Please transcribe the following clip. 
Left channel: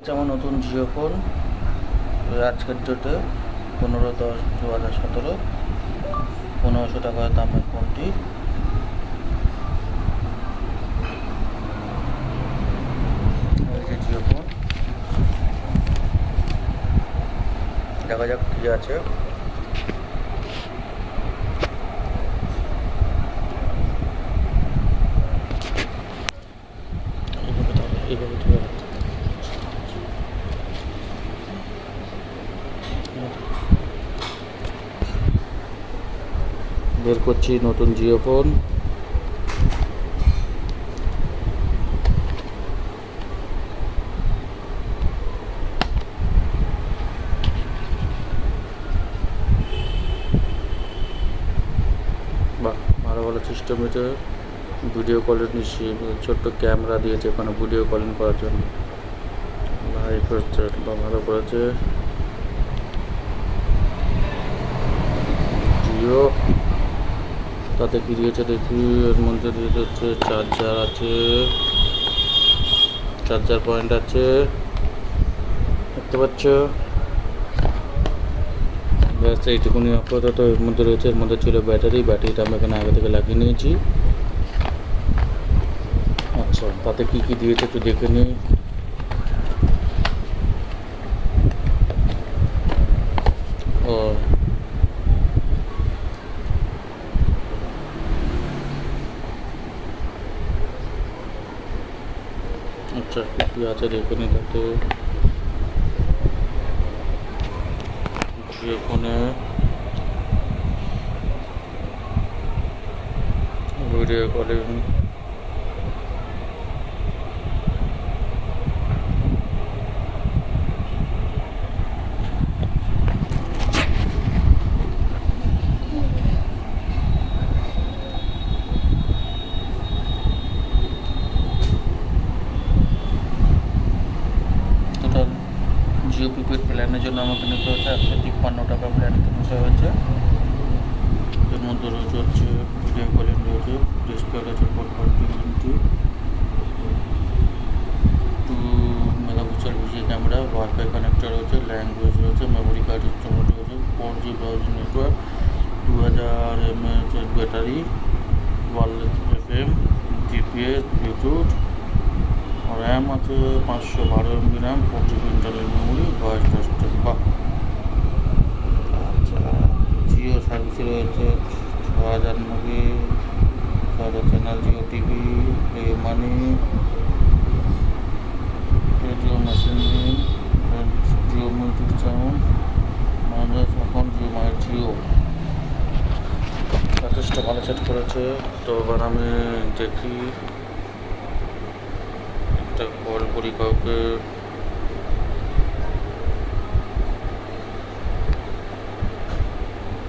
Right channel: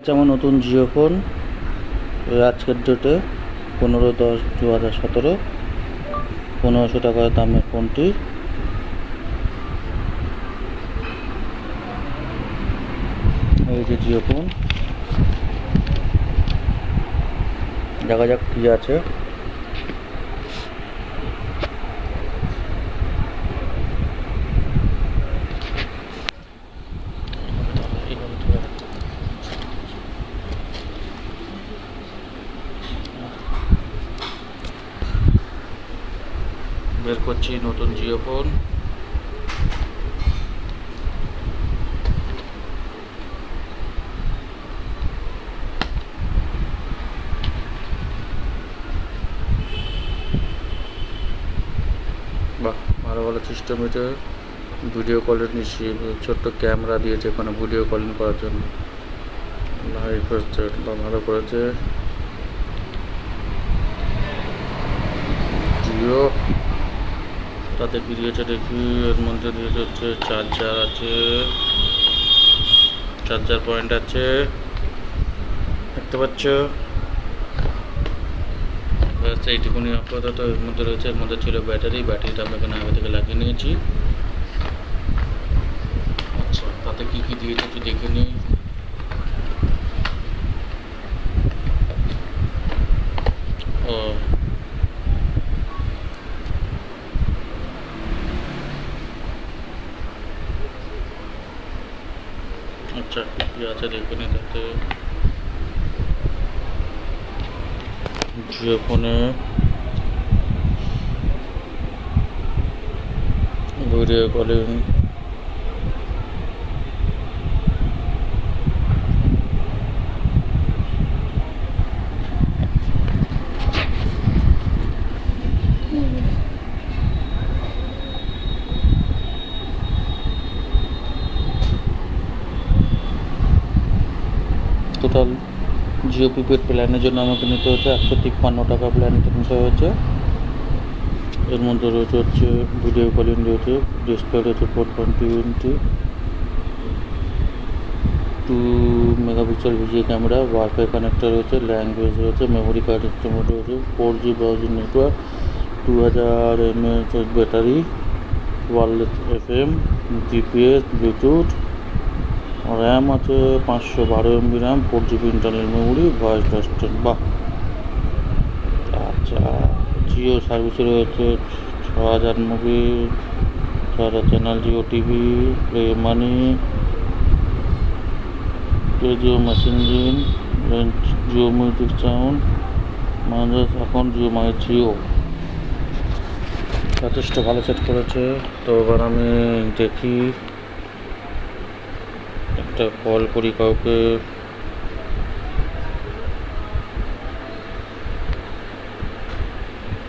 আমার নতুন জিও ফোন আজকের ডেটে 15/10/2017 1500 টাকার দামের ফোনটি। এই যে জিও ফোন, দেখা যাক কি আছে। বের করছি নতুন জিও ফোন। বাহ, ভালো ভালো সিস্টেম। এটা ভিডিও কলের নিচ্ছি, ছোট্ট ক্যামেরা দিয়েছে এখানে ভিডিও কলিং করার জন্য। লাইভ হচ্ছে বা ভালো করেছে জিও। তাতে কি দিয়েছে দেখি, এর মধ্যে দিয়েছে হচ্ছে চার্জার আছে, চার্জার পয়েন্ট আছে, দেখতে পাচ্ছ। ব্যাস এইটুকুনি আপাতত এর মধ্যে রয়েছে। এর মধ্যে ছিল ব্যাটারিটা আমি এখানে আগে থেকে লাগিয়ে নিয়েছি। আচ্ছা, তাতে কি কি দিয়েছে একটু দেখে নিই। ও আচ্ছা, কি কি আছে দেখে নিই। তাতে জিও ফোনে video calling, total Jio prepaid প্ল্যানের জন্য আমাকে নিতে হচ্ছে 153 টাকা প্ল্যান নিতে হয়েছে। এর মধ্যে রয়েছে হচ্ছে ভিডিও কলিং রয়েছে, ডিসপ্লে রয়েছে 4.2 2 megapixel video camera, wifi connector রয়েছে, ল্যাঙ্গুয়েজ রয়েছে, মেমোরি কার্ড সিস্টেম রয়েছে, 4G browsing network, 2000 mAh battery, wireless FM, GPS, Bluetooth, RAM আছে 512 MB RAM, 4GB internal memory, voice assistant. বাহ। আচ্ছা, জিও সার্ভিসে রয়েছে 6000 movie, 6000 channel, Jio TV, play money, Jio messaging, Jio music sound, মানুষ এখন জিও মানে জিও যথেষ্ট ভালো সেট করেছে। তো এবার আমি দেখি, একটা কল করি কাউকে।